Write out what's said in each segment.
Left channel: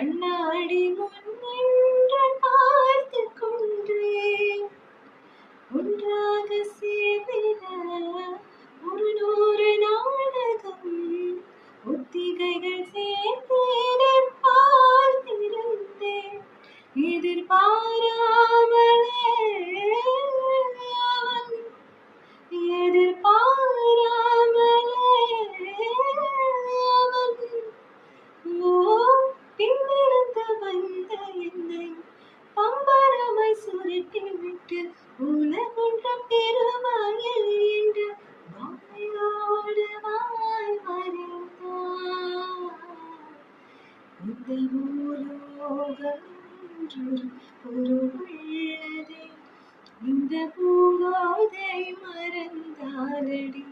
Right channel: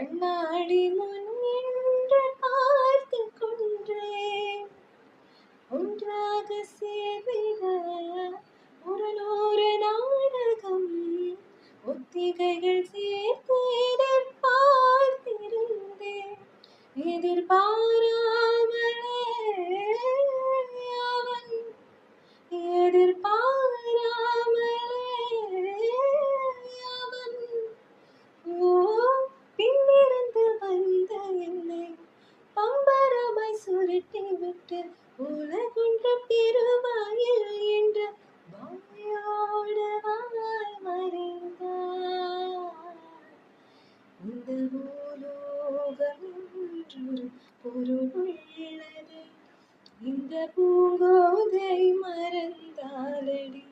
கண்ணாடி முன் நின்று பார்த்து கொண்டேன். ஒன்றாக சேர்ந்திட 100 நாடகம் ஒத்திகைகள் சேர்த்தேனே பார்த்திருந்தேன். எதிர்பாராமலே அவன் எதிர்பாராமலே அவன் பின்னிருந்து வந்த என்னை பம்பரமாய் சுருட்டி விட்டு உலகொன்று பெருவாயில் என்று வாயோடு வாய் மறைந்தார். இந்த பூலோகம் என்று பொருளுள்ளதே, இந்த பூங்கோதை மறந்தாலடி.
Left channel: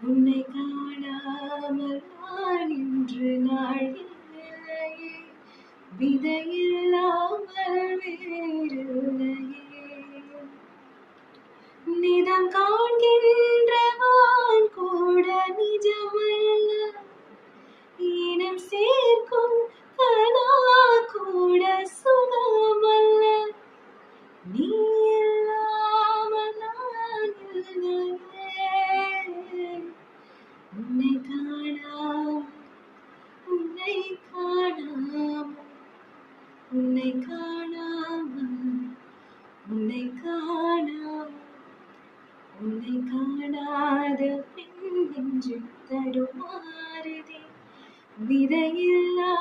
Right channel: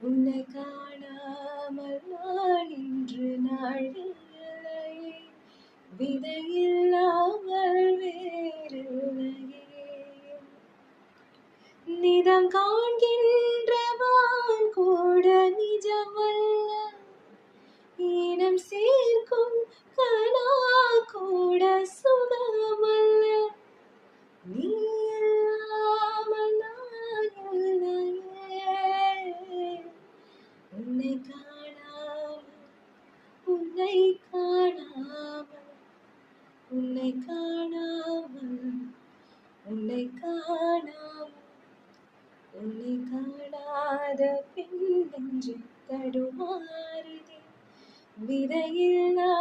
உன்னை காணாமல் நான் இன்று நாள் இல்லையே, விதையில்லாமல் வேறில்லையே. நிதம் காண்கின்றவான் கூட நிஜமல்ல, ஈனம் சேர்க்கும் கனா கூட சுகமல்ல. நீ இல்லாமல் நான் இல்லையே. உன்னை காணாமல் உன்னை காணாமல் உன்னை காணாமல் உன்னை காணாமல் உன்னை காணாத பெண் நெஞ்சு தடுமாறுதே, விதையில்லா